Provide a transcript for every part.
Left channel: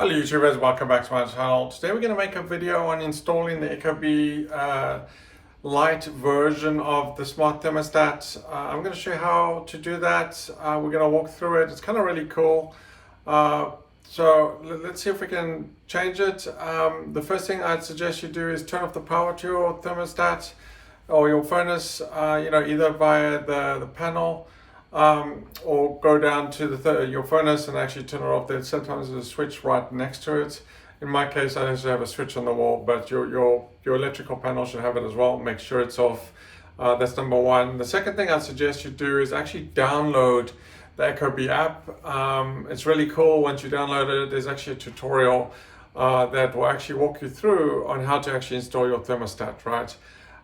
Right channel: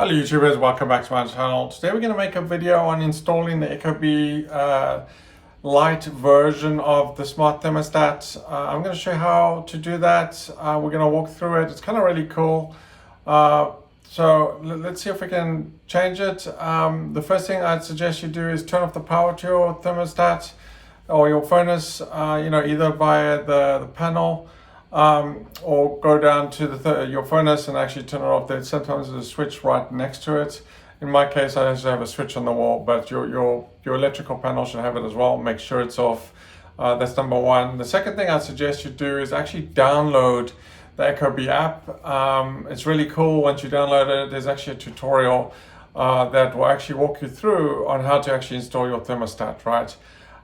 Hello YouTubers, welcome back to my channel. Today we're going to make a video on installing the Ecobee Lite version of the smart thermostat. I'm going to show you how to do that. We're going to walk through it. It's kind of really cool. So let's see if we can change it. The first thing I'd suggest you do is turn off the power to your thermostat or your furnace, either via the panel or go down to your furnace and actually turn it off. Then sometimes there's a switch right next to it. In my case, I actually have a switch on the wall, but your electrical panel should have it as well. Make sure it's off. That's number one. The second thing I'd suggest you do is actually download the Ecobee app. It's really cool. Once you download it, there's actually a tutorial that will actually walk you through on how to actually install your thermostat, right?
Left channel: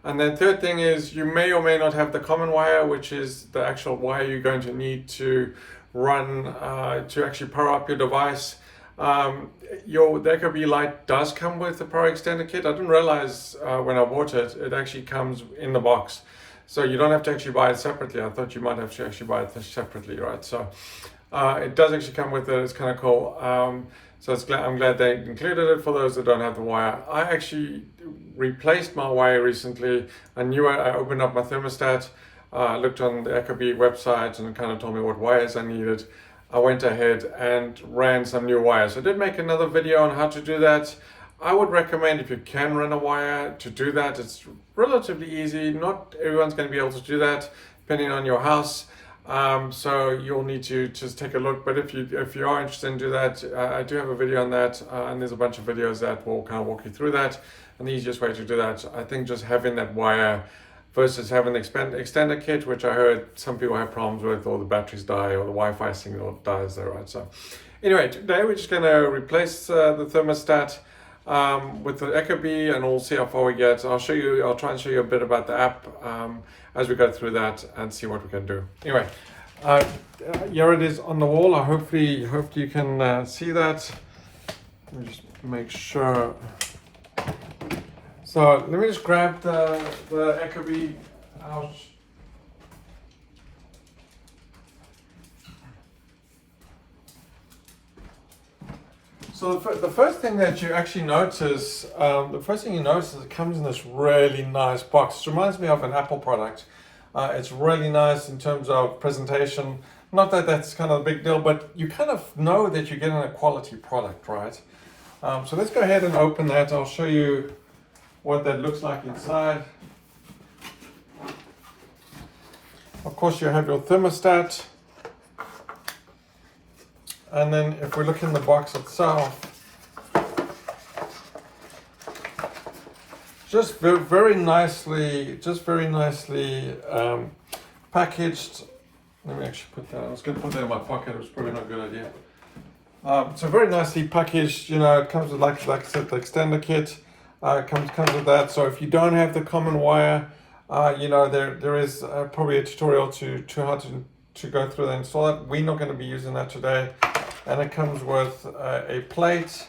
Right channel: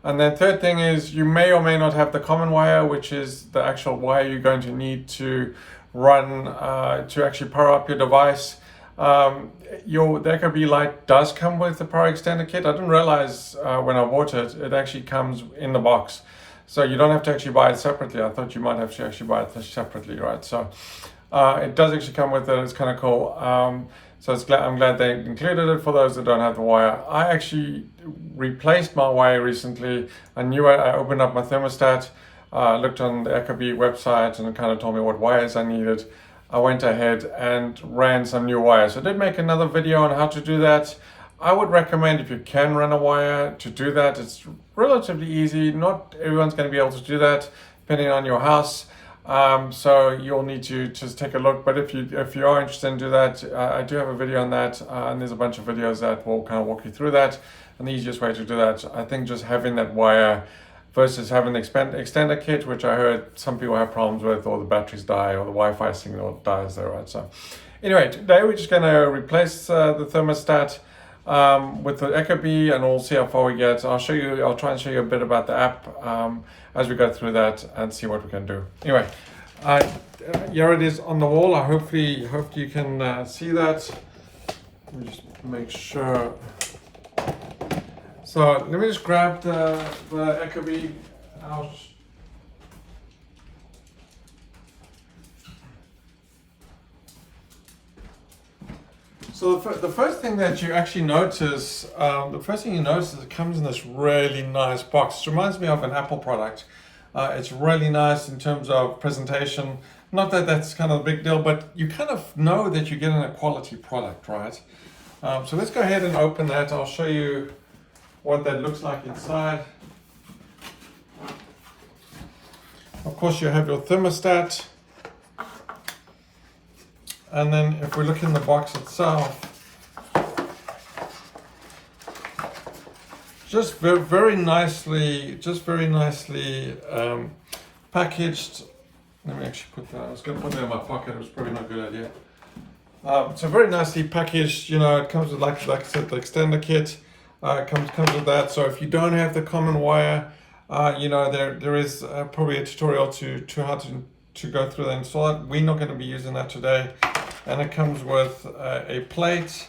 And then third thing is you may or may not have the common wire, which is the actual wire you're going to need to run to actually power up your device. The Ecobee Lite does come with the power extender kit. I didn't realize when I bought it, it actually comes in the box. So you don't have to actually buy it separately. I thought you might have to actually buy it separately, right? So it does actually come with it. It's kind of cool. So I'm glad they included it for those that don't have the wire. I actually replaced my wire recently. I knew I opened up my thermostat, looked on the Ecobee website and it kind of told me what wires I needed. I went ahead and ran some new wires. I did make another video on how to do that. I would recommend, if you can run a wire, to do that. It's relatively easy. Not everyone's going to be able to do that depending on your house. So you'll need to just take a look, but if you are interested in do that, I do have a video on that, and there's a bunch of videos that will kind of walk you through that. And the easiest way to do that, I think, just having that wire versus having the extender kit, which I heard some people have problems with, or the batteries die, or the Wi-Fi signal dies there, right? So anyway, today we're just going to replace the thermostat with the Ecobee, and we'll see how far we get. I'll try and show you a bit about the app as we go through that and see what we can do. Anyway, here it is on the wall. I hope you can see that. Let me just make sure. So let me just grab the Ecobee out. So the first thing that you actually notice, is it comes in this really nice box. It reminds me of an Apple product. It's really nice in terms of presentation. Not that that's kind of a big deal, but you kind of know that you're getting a quality product, right? So let's go ahead and open that. I'll show you what that looks like inside. Of course, you have your thermostat. And then if we look in the box itself, just very nicely packaged. Let me actually put that. I was going to put that in my pocket. It was probably not a good idea. So very nicely packaged. It comes with, like I said, the extender kit. Comes with that. So if you don't have the common wire, there is probably a tutorial to how to go through and install it. We're not going to be using that today. And it comes with a plate,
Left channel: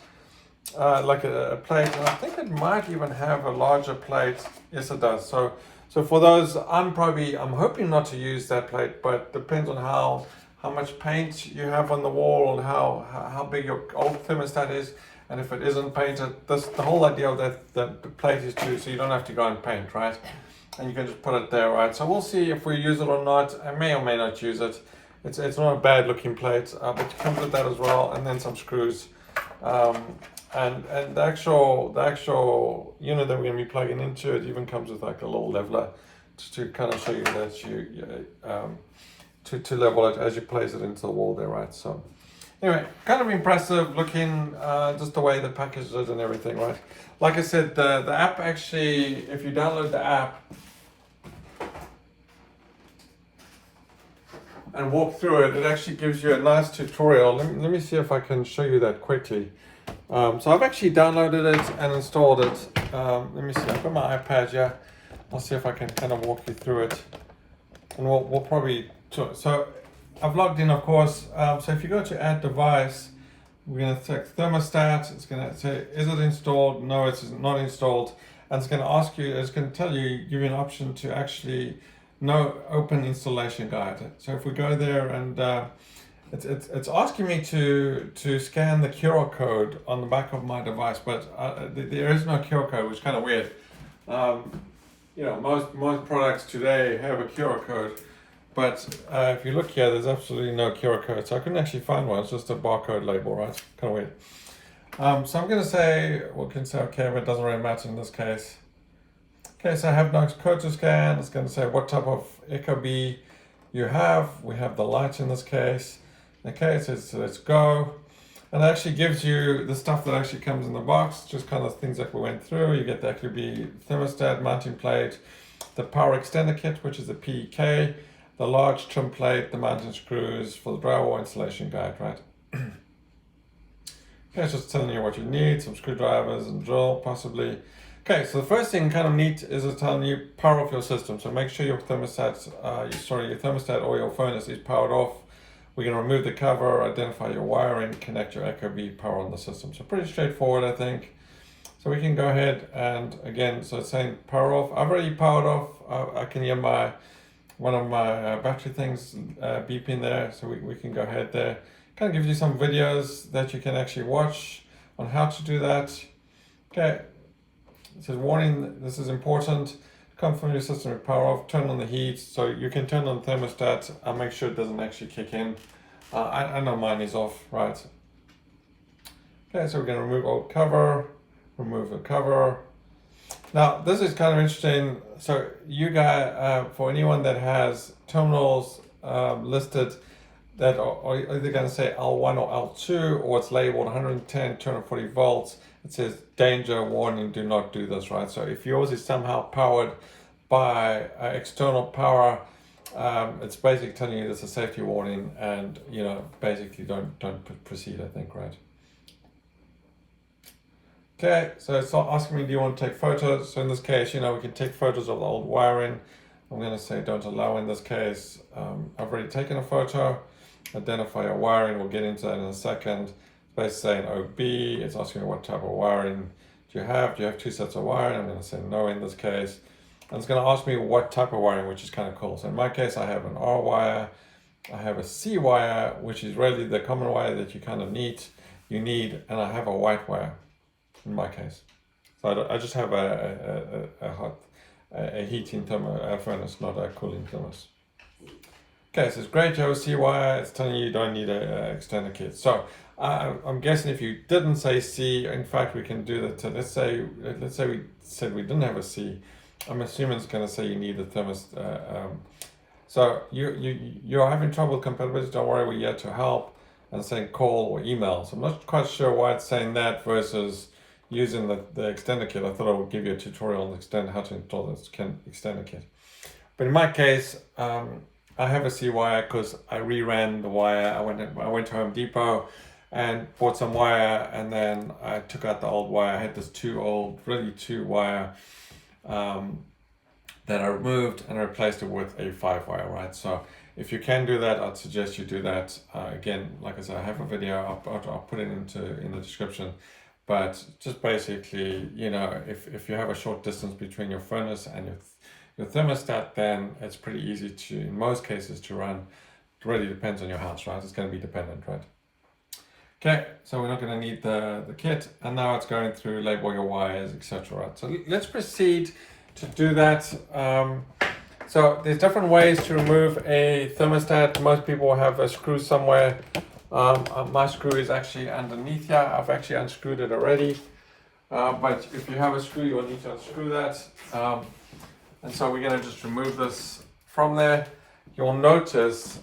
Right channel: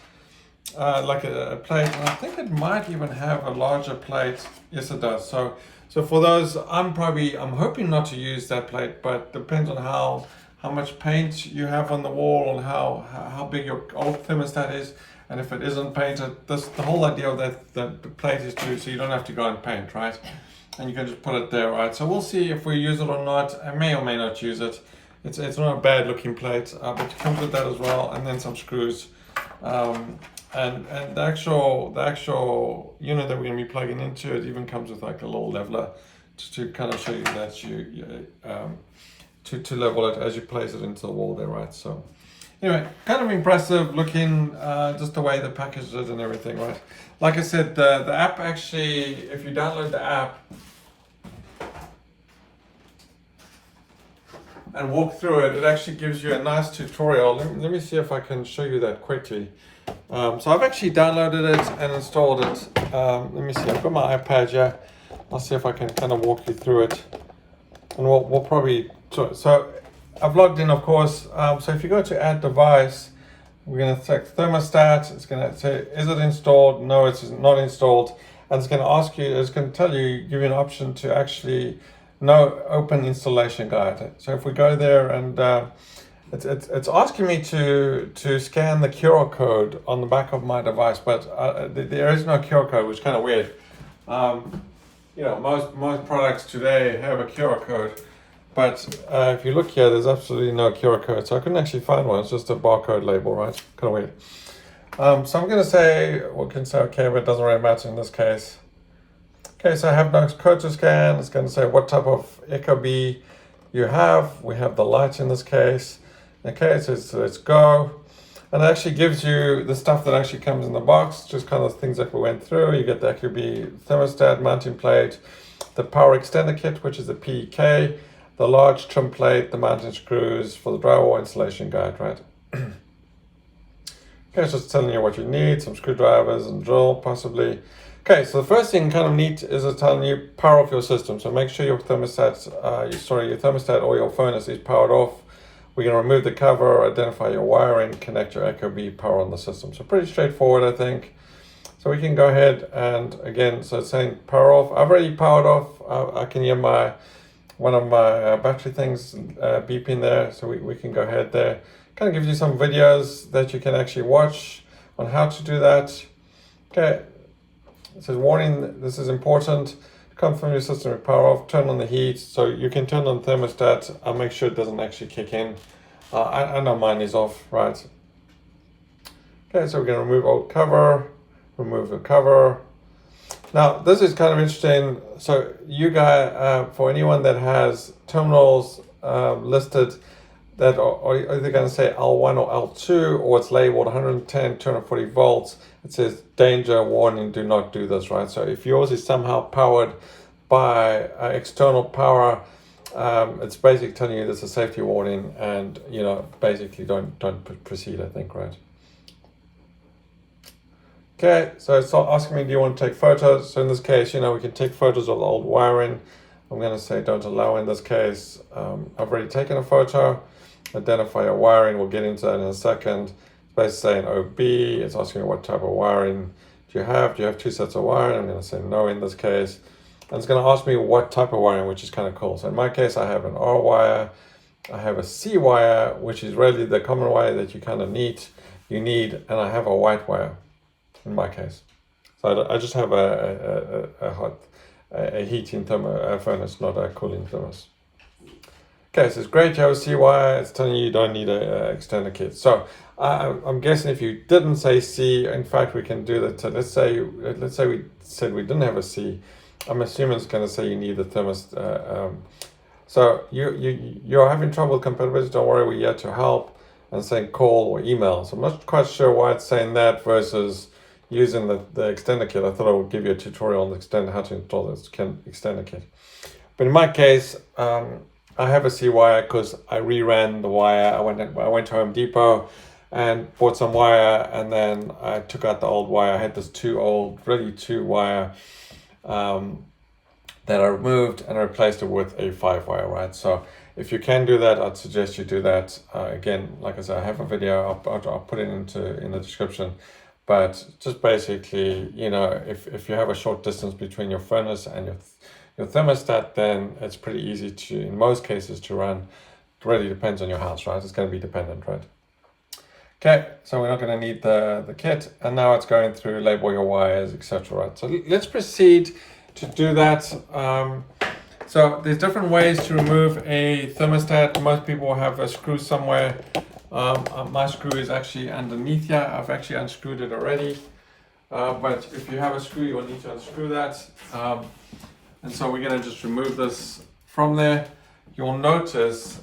like a plate, and I think it might even have a larger plate. Yes, it does. So for those, I'm hoping not to use that plate, but depends on how much paint you have on the wall and how big your old thermostat is. And if it isn't painted, the whole idea of that the plate is so you don't have to go and paint, right? And you can just put it there, right? So we'll see if we use it or not. I may or may not use it. It's not a bad looking plate, but it comes with that as well, and then some screws. And the actual unit that we're going to be plugging into it even comes with like a little leveler to kind of show you that to level it as you place it into the wall there, right? So anyway, kind of impressive looking, just the way they packaged it and everything, right? Like I said, the app actually, if you download the app and walk through it, it actually gives you a nice tutorial. Let me see if I can show you that quickly. So I've actually downloaded it and installed it. Let me see, I've got my iPad here. I'll see if I can kind of walk you through it. And we'll probably, so I've logged in, of course. So if you go to add device, we're going to select thermostat. It's going to say, is it installed? No, it's not installed. And it's going to ask you, it's going to tell you, give you an option to actually no open installation guide. So if we go there and It's asking me to scan the QR code on the back of my device, but there is no QR code, which is kind of weird. You know, most products today have a QR code, but if you look here, there's absolutely no QR code, so I couldn't actually find one. It's just a barcode label, right? Kind of weird. So I'm going to say, we can say okay, but it doesn't really matter in this case. Okay, so I have no code to scan. It's going to say what type of Ecobee you have. We have the light in this case. Okay, so let's go. And it actually gives you the stuff that actually comes in the box, just kind of things that we went through. You get the Ecobee thermostat, mounting plate, the power extender kit, which is the PEK, the large trim plate, the mounting screws for the drywall installation guide, right? Okay, it's just telling you what you need, some screwdrivers and drill, possibly. Okay, so the first thing kind of neat is it's telling you power off your system. So make sure your thermostat, your thermostat or your furnace is powered off. We're going to remove the cover, identify your wiring, connect your Ecobee, power on the system. So pretty straightforward, I think. So we can go ahead and again, so it's saying power off. I've already powered off. I can hear one of my battery things beeping there. So we can go ahead there. Kind of gives you some videos that you can actually watch on how to do that. Okay, it says warning, this is important. Come from your system with power off, turn on the heat. So you can turn on the thermostat. I'll make sure it doesn't actually kick in. I know mine is off, right? Okay, so we're gonna remove old cover, remove the cover. Now, this is kind of interesting. So you guys, for anyone that has terminals listed that are either going to say L1 or L2, or it's labeled 110, 240 volts, it says danger, warning, do not do this, right? So if yours is somehow powered by external power, it's basically telling you there's a safety warning, and you know, basically don't proceed, I think, right? Okay, so it's asking me, do you want to take photos? So in this case, you know, we can take photos of the old wiring. I'm going to say don't allow in this case. I've already taken a photo. Identify your wiring, we'll get into that in a second. It's basically saying OB, it's asking me what type of wiring do you have? Do you have two sets of wiring? I'm going to say no in this case. And it's going to ask me what type of wiring, which is kind of cool. So in my case, I have an R wire, I have a C wire, which is really the common wire that you kind of need, and I have a white wire in my case. So I just have a heating furnace, not a cooling furnace. Okay, so it's great, you have a C wire, it's telling you don't need an extender kit. So I'm guessing if you didn't say C, in fact, we can do that. So let's say we said we didn't have a C. I'm assuming it's going to say you need the thermostat. So you're having trouble with compatibility, don't worry, we're here to help, and saying call or email. So I'm not quite sure why it's saying that versus using the extender kit. I thought I would give you a tutorial on how to install this extender kit. But in my case, I have a C wire because I reran the wire. I went to Home Depot and bought some wire, and then I took out the old wire. I had this two wire that I removed, and I replaced it with a 5 wire, right? So if you can do that, I'd suggest you do that. Again, like I said, I have a video. I'll put it in the description. But just basically, you know, if you have a short distance between your furnace and your thermostat, then it's pretty easy to, in most cases, to run. It really depends on your house, right? It's going to be dependent, right? Okay, so we're not going to need the kit, and now it's going through label your wires, etc. Right? So let's proceed to do that. So there's different ways to remove a thermostat. Most people have a screw somewhere. My screw is actually underneath here. I've actually unscrewed it already. But if you have a screw, you'll need to unscrew that. And so we're going to just remove this from there. You'll notice,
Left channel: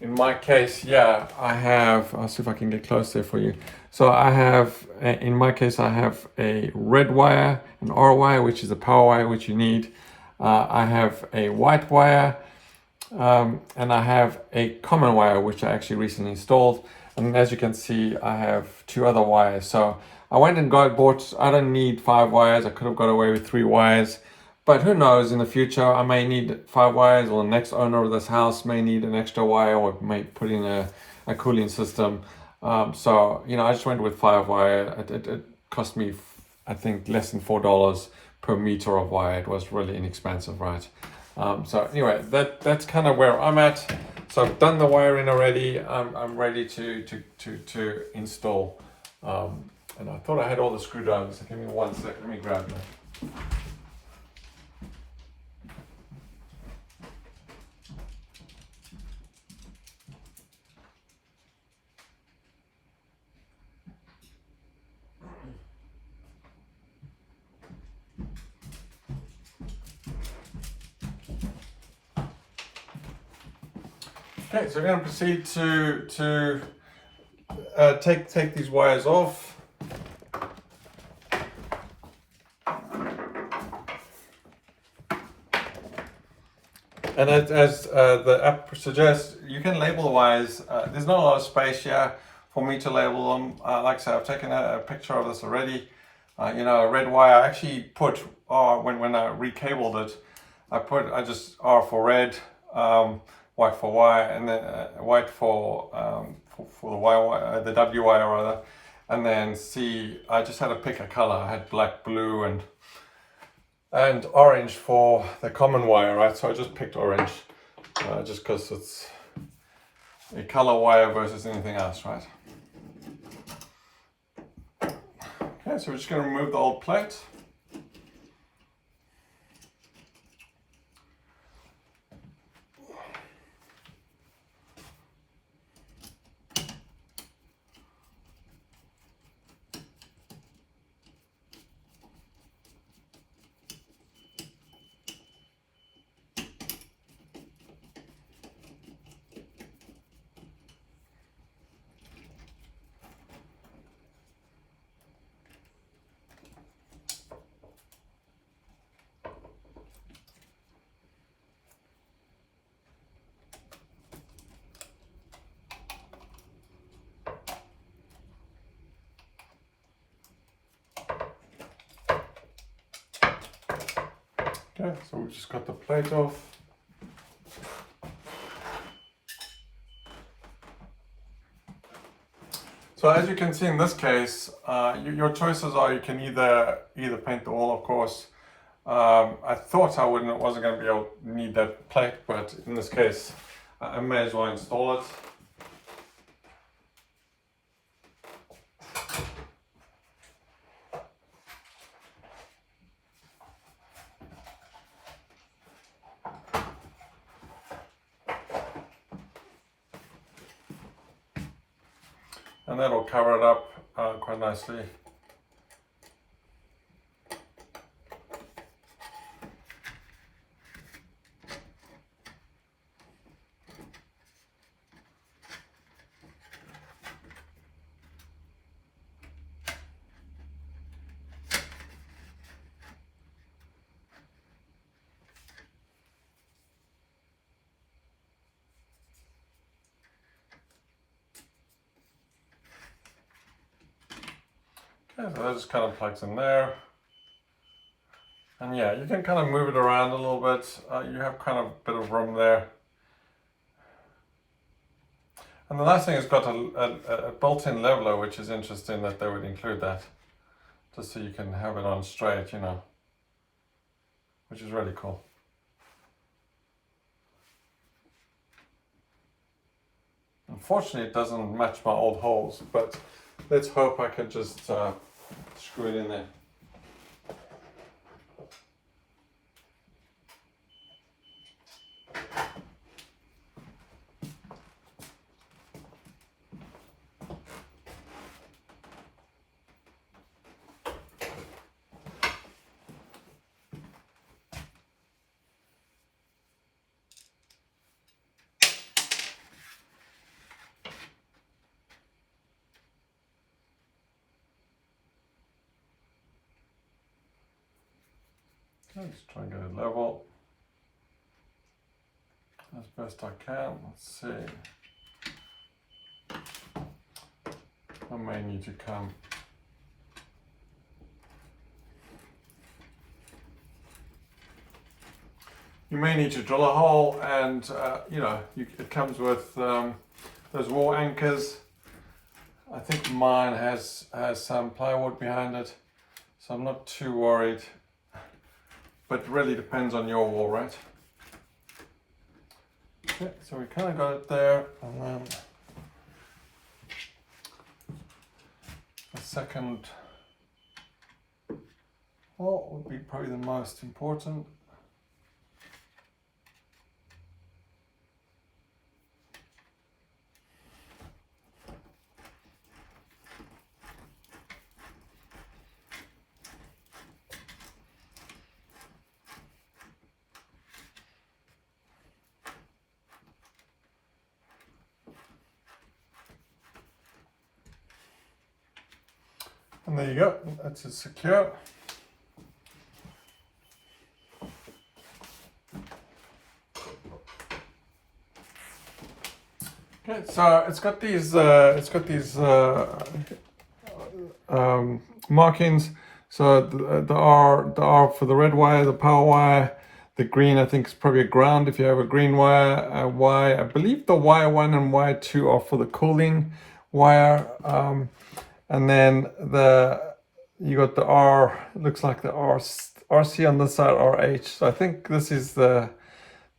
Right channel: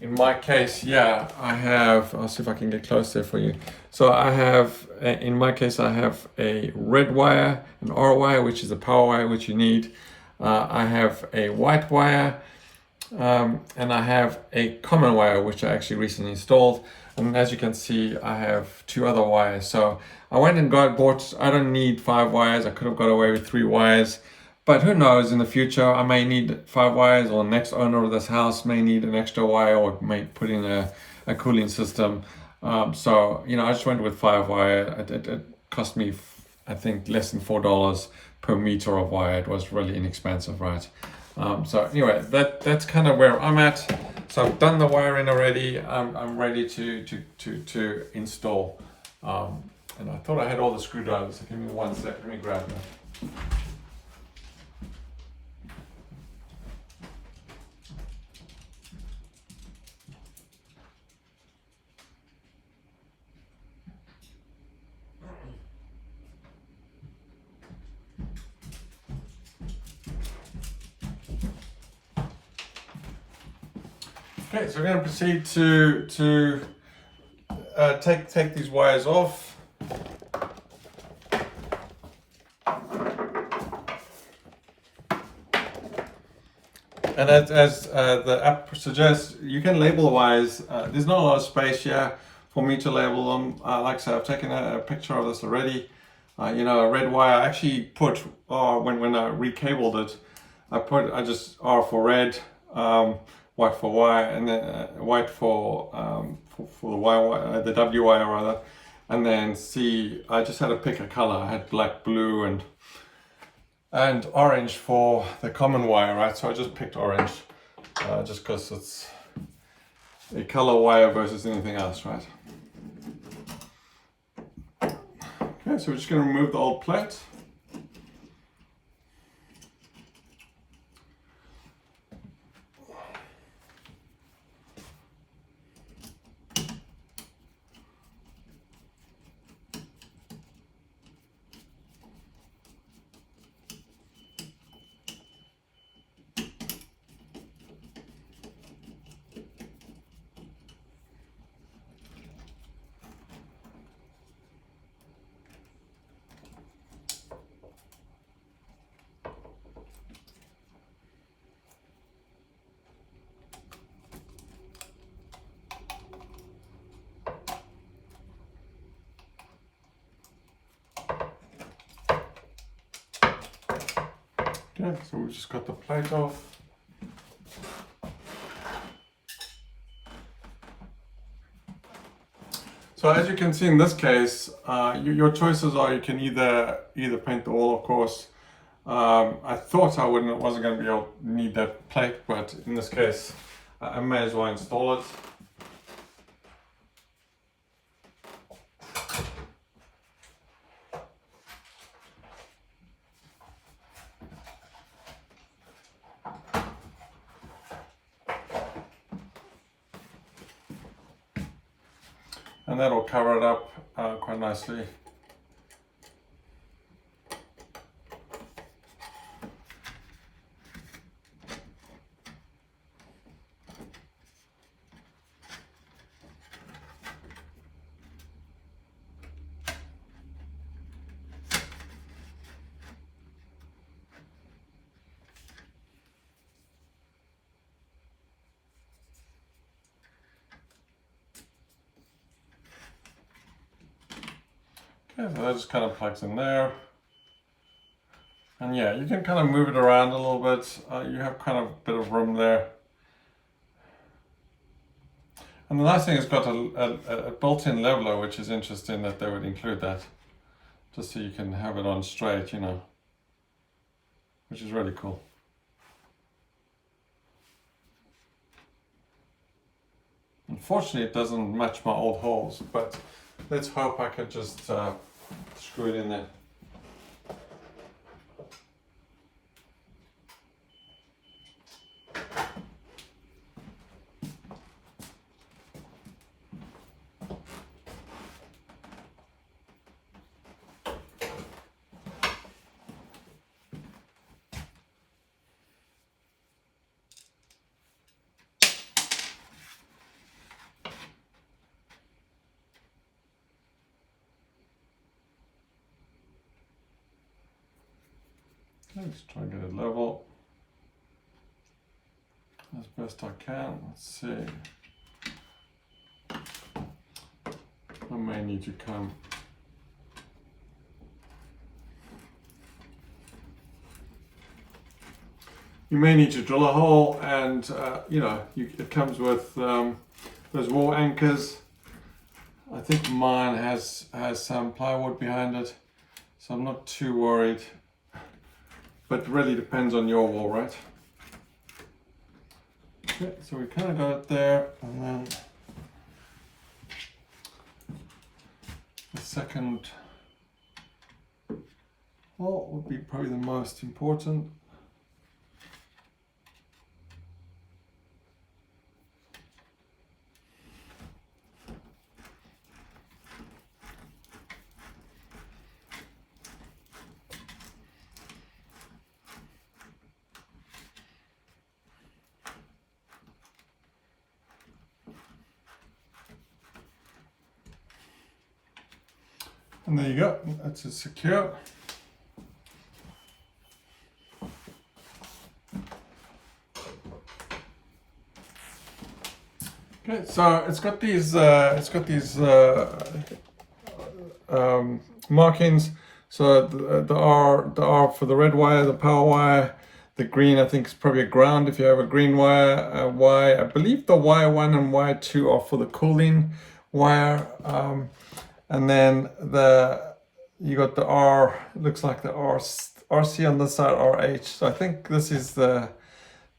in my case, yeah, I have, I'll see if I can get close there for you. So I have, in my case, I have a red wire, an R wire, which is a power wire, which you need. I have a white wire, and I have a common wire, which I actually recently installed. And as you can see, I have 2 other wires. So I went and bought, I don't need 5 wires. I could have got away with 3 wires. But who knows, in the future, I may need 5 wires, or the next owner of this house may need an extra wire, or may put in a cooling system. So, you know, I just went with 5 wire. It cost me, I think, less than $4 per meter of wire. It was really inexpensive, right? So anyway, that's kind of where I'm at. So I've done the wiring already. I'm ready to install. And I thought I had all the screwdrivers. So give me 1 sec. Let me grab them. Okay, so we're going to proceed to take these wires off. And as the app suggests, you can label the wires. There's not a lot of space here for me to label them. Like I said, I've taken a picture of this already. You know, a red wire, I actually put R when I recabled it. I just R for red, white for Y, and then white for the Y, the W wire rather, and then C. I just had to pick a color. I had black, blue, and orange for the common wire, right? So I just picked orange, just because it's a color wire versus anything else, right? Okay, so we're just going to remove the old plate. Okay, so we've just got the plate off. So as you can see in this case, your choices are you can either paint the wall, of course. I thought I wasn't going to be able to need that plate, but in this case, I may as well install it. And that'll cover it up quite nicely. Okay, so that just kind of plugs in there. And yeah, you can kind of move it around a little bit. You have kind of a bit of room there. And the nice thing, it's got a built-in leveler, which is interesting that they would include that. Just so you can have it on straight, you know, which is really cool. Unfortunately, it doesn't match my old holes, but let's hope I can just screw it in there. Let's try and get it level as best I can. Let's see. I may need to come. You may need to drill a hole, and you know, it comes with those wall anchors. I think mine has some plywood behind it, so I'm not too worried. But it really depends on your wall, right? Okay, so we kind of got it there, and then the second hole would be probably the most important. And there you go, that's it secure. Okay, so it's got these markings. So the R for the red wire, the power wire. The green, I think, is probably a ground if you have a green wire. I believe the Y1 and Y2 are for the cooling wire. And then you got the R, it looks like the RC on this side, RH. So I think this is the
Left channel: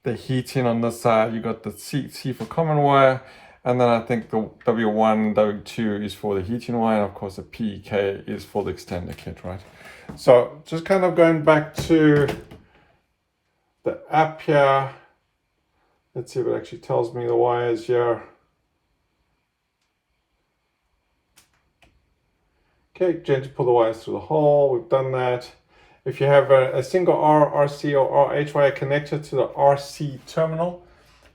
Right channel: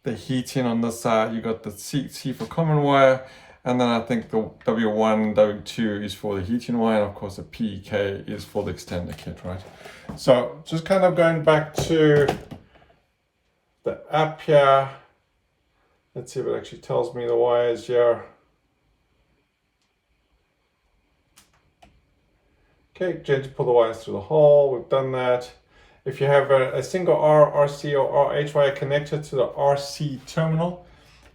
heating on this side. You got the C for common wire, and then I think the W1, W2 is for the heating wire, and of course the PK is for the extender kit, right? So just kind of going back to the app here. Let's see if it actually tells me the wires here. Okay, gently pull the wires through the hole. We've done that. If you have a single R, RC, or RH wire connected to the RC terminal,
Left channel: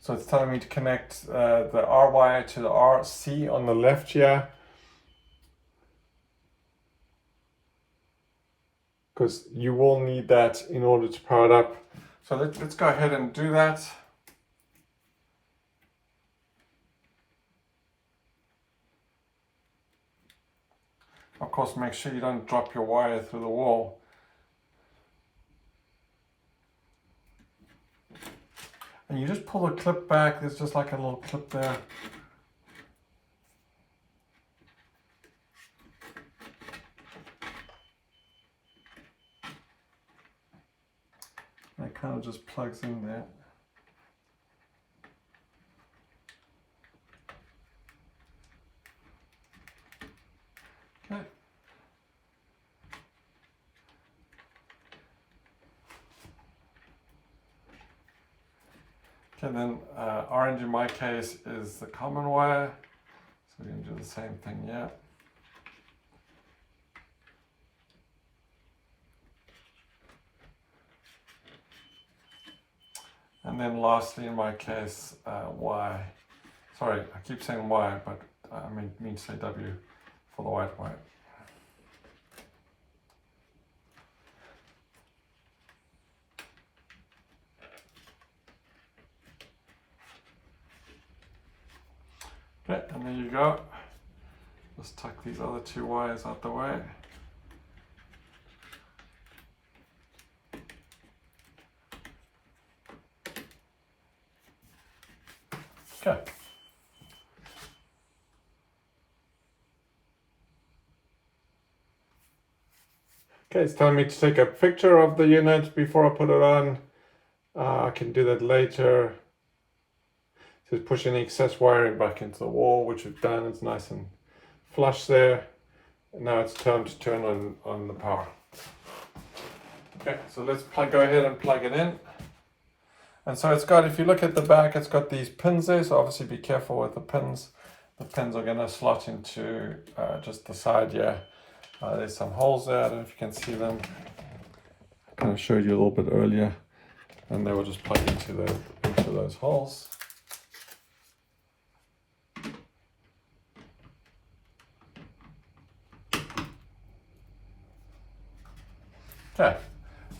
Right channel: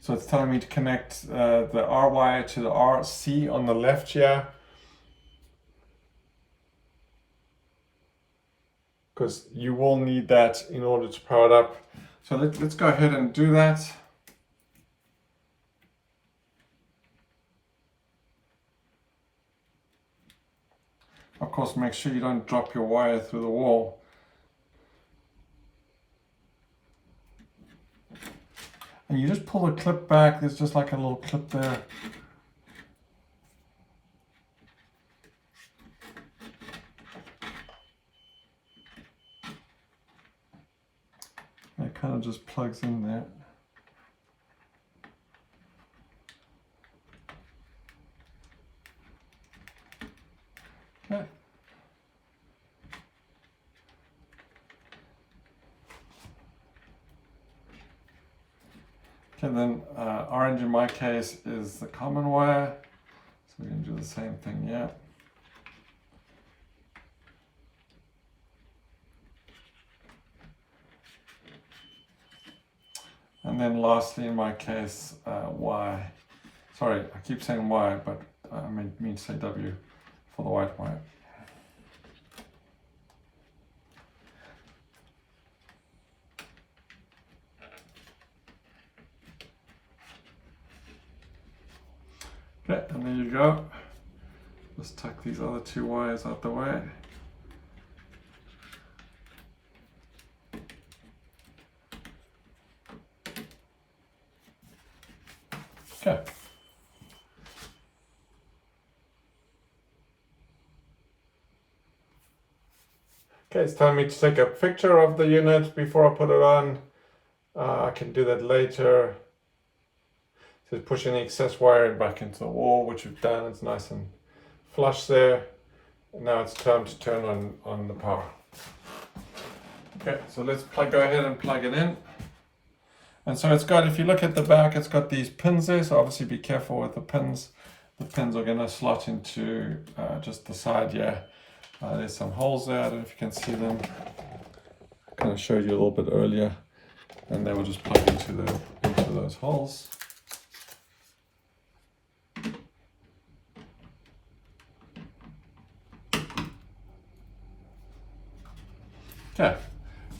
so it's telling me to connect the R wire to the RC on the left here, because you will need that in order to power it up. So let's go ahead and do that. Of course, make sure you don't drop your wire through the wall. And you just pull the clip back. There's just like a little clip there. And it kind of just plugs in there. Okay. Okay, then orange in my case is the common wire. So we're going to do the same thing here. And then lastly in my case, Y. Sorry, I keep saying Y, but I mean to say W for the white wire. Okay, and there you go. Just tuck these other two wires out the way. Okay. Okay, it's telling me to take a picture of the unit before I put it on. I can do that later. So push any excess wiring back into the wall, which we've done. It's nice and flush there. And now it's time to turn on the power. Okay, so let's go ahead and plug it in. And so it's got, if you look at the back, it's got these pins there. So obviously be careful with the pins. The pins are going to slot into just the side here. There's some holes there. I don't know if you can see them. I kind of showed you a little bit earlier. And they will just plug into those holes. Okay,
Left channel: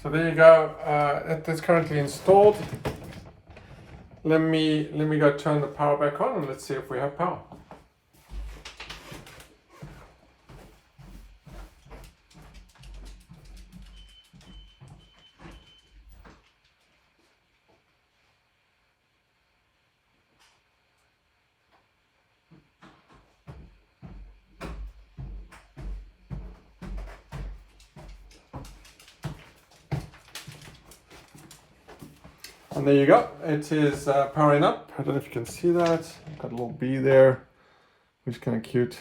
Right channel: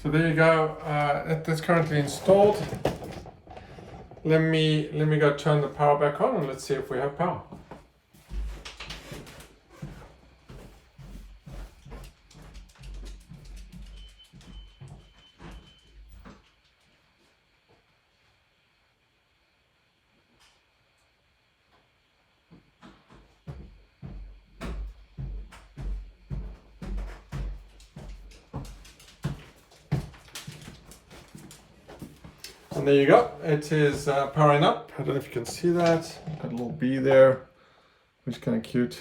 so there you go. That is currently installed. Let me go turn the power back on and let's see if we have power. And there you go, it is powering up. I don't know if you can see that. Got a little bee there, which is kind of cute.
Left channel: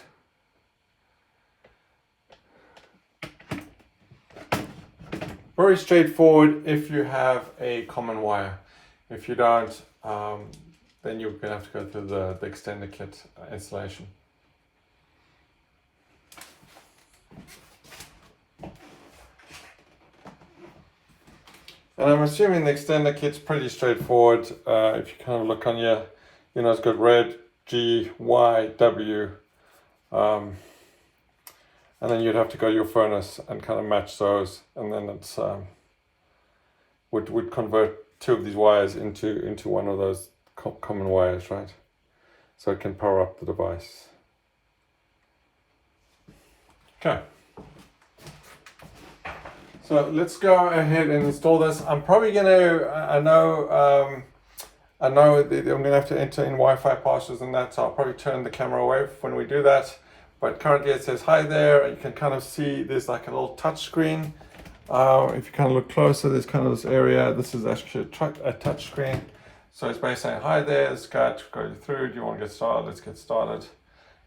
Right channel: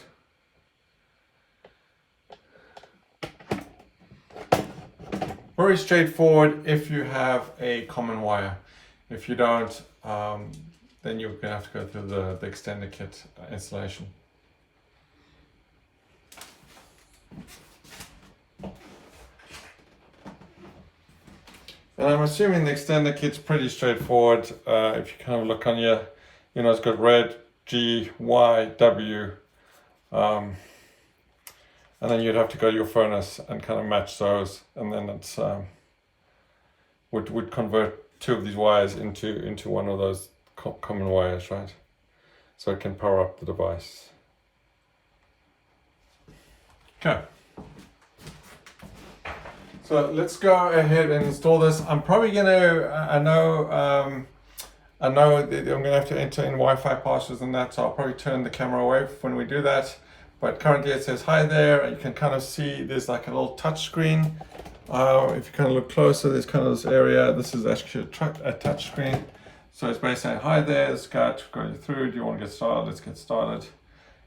Very straightforward if you have a common wire. If you don't, then you're going to have to go through the extender kit installation. And I'm assuming the extender kit's pretty straightforward. If you kind of look on here, you know, it's got red, G, Y, W. And then you'd have to go to your furnace and kind of match those. And then it's would convert two of these wires into one of those common wires, right? So it can power up the device. Okay. So let's go ahead and install this. I'm probably gonna, I know I'm gonna have to enter in Wi-Fi passwords and that, so I'll probably turn the camera away when we do that. But currently it says hi there, and you can kind of see there's like a little touch screen. If you kind of look closer, there's kind of this area. This is actually a touch screen. So it's basically saying hi there, it's got go through, do you want to get started? Let's get started.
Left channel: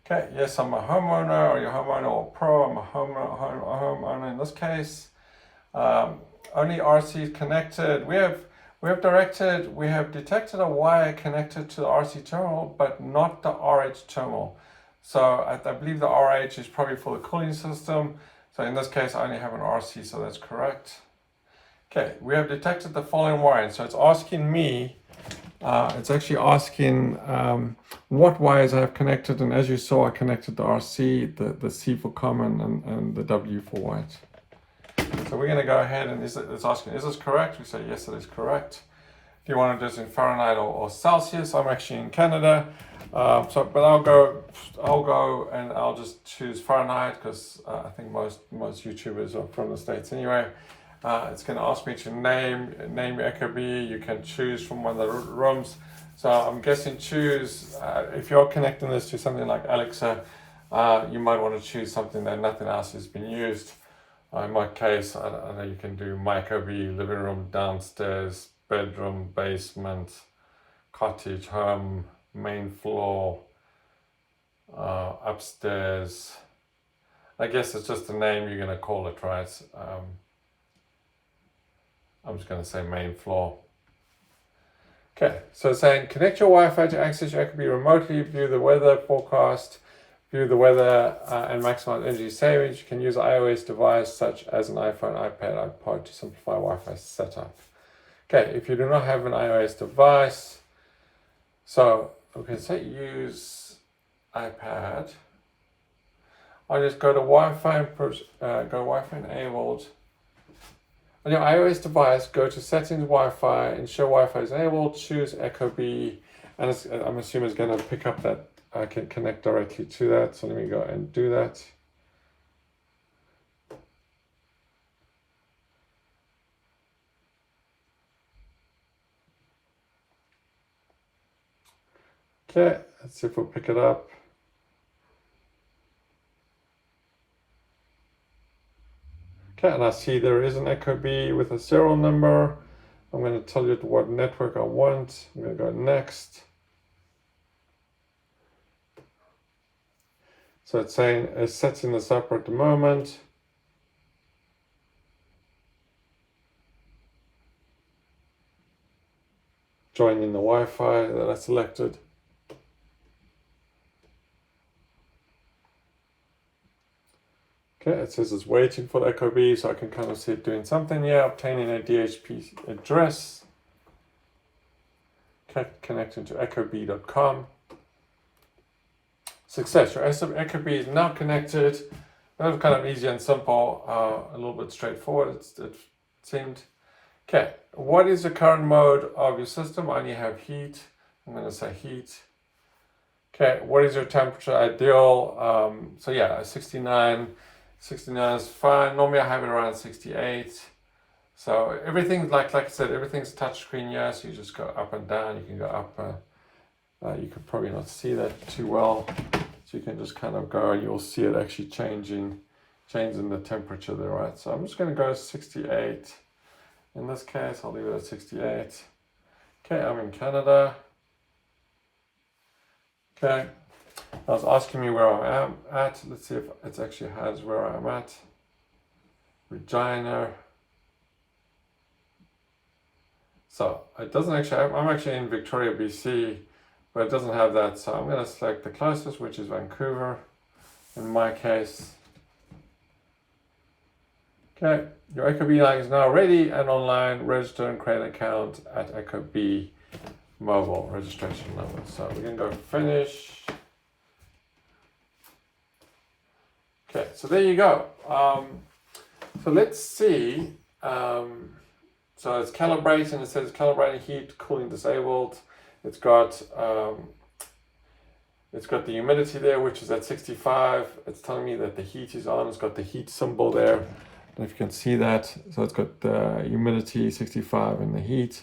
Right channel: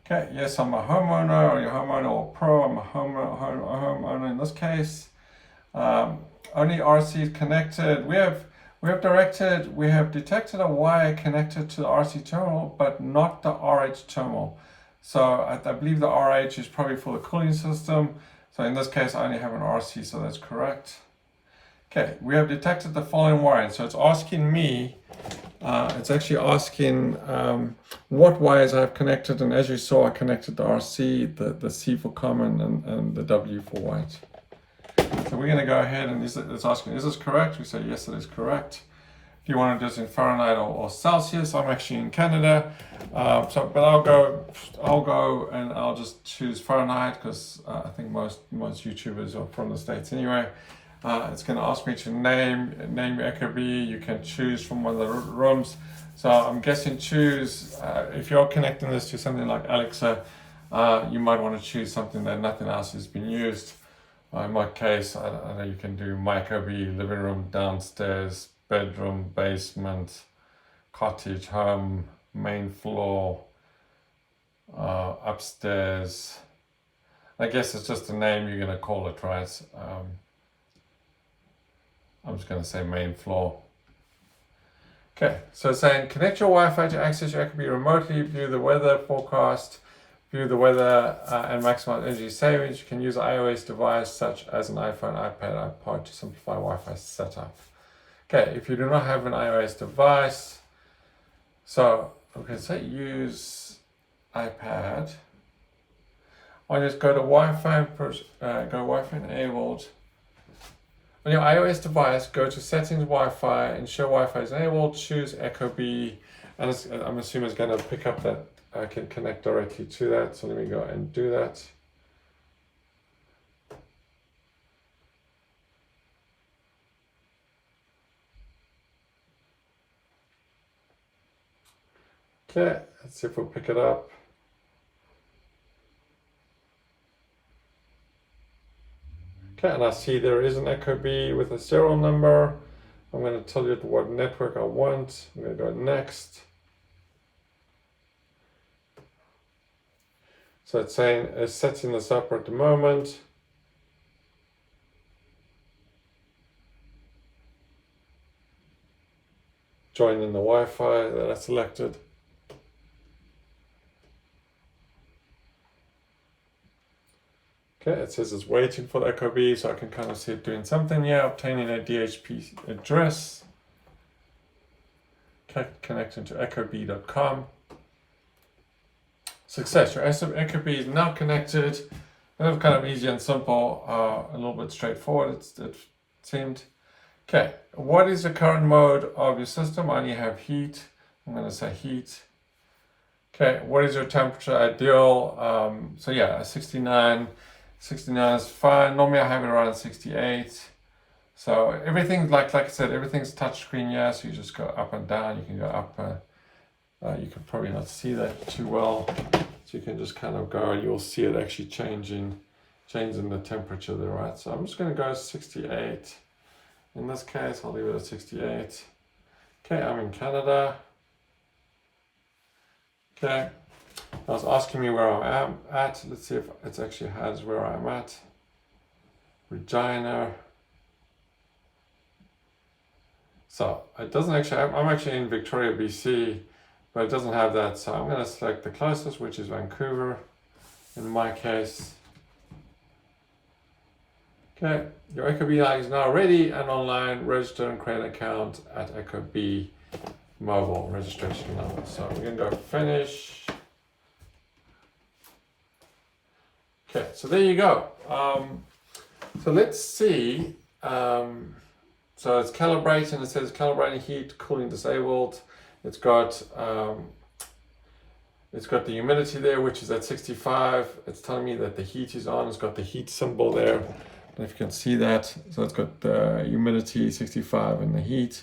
Okay, yes, I'm a homeowner, or your homeowner, or pro. I'm a homeowner in this case. Only RC connected. We have detected a wire connected to the RC terminal, but not the RH terminal. So I believe the RH is probably for the cooling system. So in this case, I only have an RC, so that's correct. Okay, we have detected the following wiring. So it's asking me, it's actually asking what wires I have connected. And as you saw, I connected the RC, the C for common, and the W for white. So we're going to go ahead and it's asking, is this correct? We say, yes, it is correct. Do you want to do this in Fahrenheit or Celsius? I'm actually in Canada. But I'll go and I'll just choose Fahrenheit because I think most YouTubers are from the States anyway. It's going to ask me to name Ecobee. You can choose from one of the rooms. So I'm guessing choose, if you're connecting this to something like Alexa, you might want to choose something that nothing else has been used. In my case, I know you can do my Ecobee, living room, downstairs, bedroom, basement, cottage, home, main floor, upstairs. I guess it's just a name you're going to call it, right? I'm just going to say main floor. Okay, so it's saying connect your Wi-Fi to access your Ecobee remotely, view the weather forecast, view the weather and maximize energy savings. You can use an iOS device such as an iPhone, iPad, iPod to simplify Wi-Fi setup. Okay, if you do not have an iOS device, so okay, say use iPad. I'll just go to Wi-Fi, go Wi-Fi enabled. On your iOS device, go to settings, Wi-Fi, ensure Wi-Fi is enabled, choose Ecobee, and I'm assuming it's going to pick up that I can connect directly to that. So let me go and do that. Okay, let's see if we'll pick it up. Okay, and I see there is an Ecobee with a serial number. I'm going to tell you what network I want. I'm going to go next. So it's saying it's setting this up at the moment. Joining the Wi-Fi that I selected. Okay, it says it's waiting for the Ecobee, so I can kind of see it doing something here, obtaining a DHCP address. Okay, connecting to ecobee.com. Success, your Ecobee is now connected. That was kind of easy and simple, a little bit straightforward, it seemed. Okay, what is the current mode of your system? I only have heat. I'm going to say heat. Okay, what is your temperature ideal? So yeah, 69 is fine. Normally I have it around 68. So everything, like I said, everything's touchscreen, yeah, so you just go up and down. You can go up, you can probably not see that too well. So you can just kind of go and you'll see it actually changing the temperature there, right? So I'm just going to go 68. In this case, I'll leave it at 68. Okay, I'm in Canada. Okay, I was asking me where I am at. Let's see if it actually has where I'm at. Regina. So it doesn't actually, I'm actually in Victoria, BC, but it doesn't have that. So I'm going to select the closest, which is Vancouver in my case. Okay, your Ecobee Lite is now ready and online. Register and create an account at Ecobee mobile registration number. So we're going to go finish. Okay, so there you go. So let's see. So it's calibrating. It says calibrating heat, cooling disabled. It's got the humidity there, which is at 65. It's telling me that the heat is on. It's got the heat symbol there. I don't know if you can see that. So it's got the humidity 65 and the heat.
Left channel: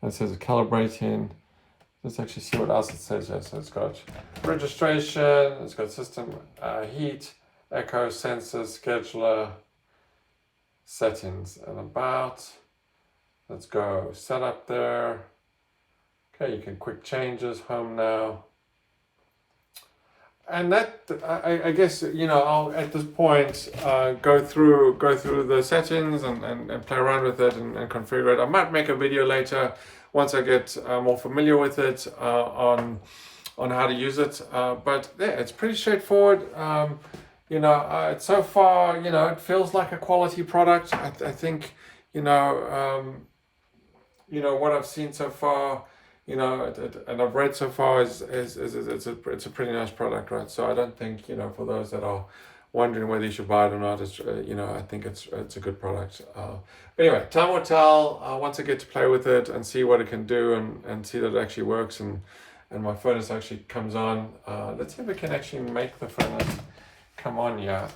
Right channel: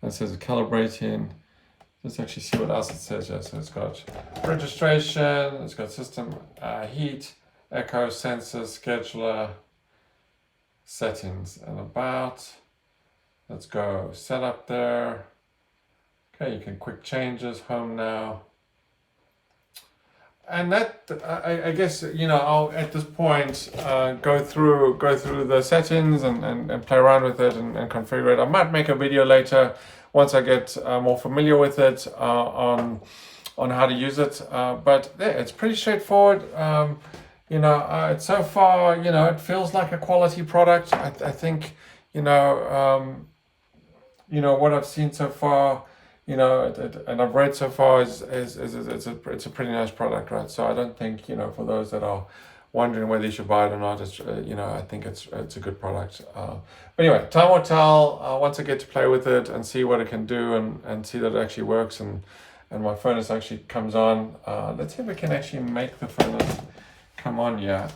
And it says calibrating. Let's actually see what else it says here. So it's got registration. It's got system heat, echo, sensors, scheduler, settings, and about. Let's go setup there. Okay, you can quick changes, home now. And that, I guess, you know, I'll at this point go through the settings and play around with it and configure it. I might make a video later once I get more familiar with it on how to use it. But yeah, it's pretty straightforward. You know, so far, you know, it feels like a quality product. I think, you know, what I've seen so far, you know, and I've read so far is it's a pretty nice product, right? So I don't think, you know, for those that are wondering whether you should buy it or not, it's you know, I think it's a good product. But anyway, time will tell once I get to play with it and see what it can do and see that it actually works and my furnace actually comes on. Let's see if we can actually make the furnace come on. Yeah.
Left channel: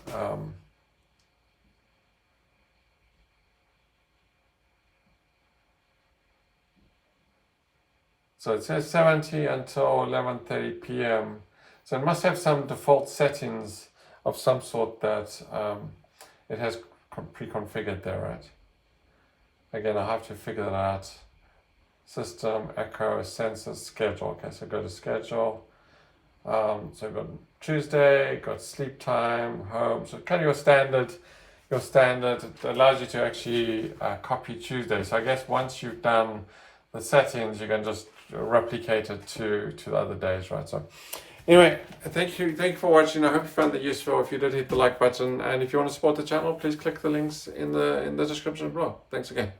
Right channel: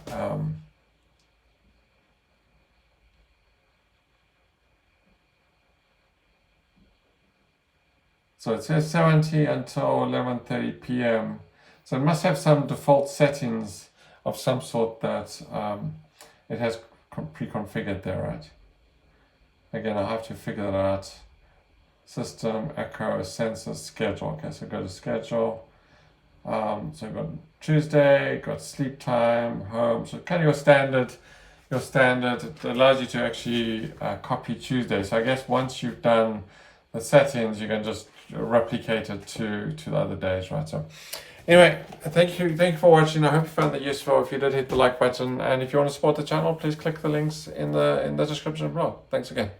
So it says 70 until 11:30 p.m. So it must have some default settings of some sort that it has pre-configured there, right? Again, I'll have to figure that out. System, echo, sensors, schedule. Okay, so go to schedule. So we've got Tuesday, got sleep time, home. So kind of your standard. It allows you to actually copy Tuesday. So I guess once you've done the settings, you can just replicate it to the other days, right? So anyway, thank you for watching. I hope you found that useful. If you did, hit the like button, and if you want to support the channel, please click the links in the description below. Thanks again.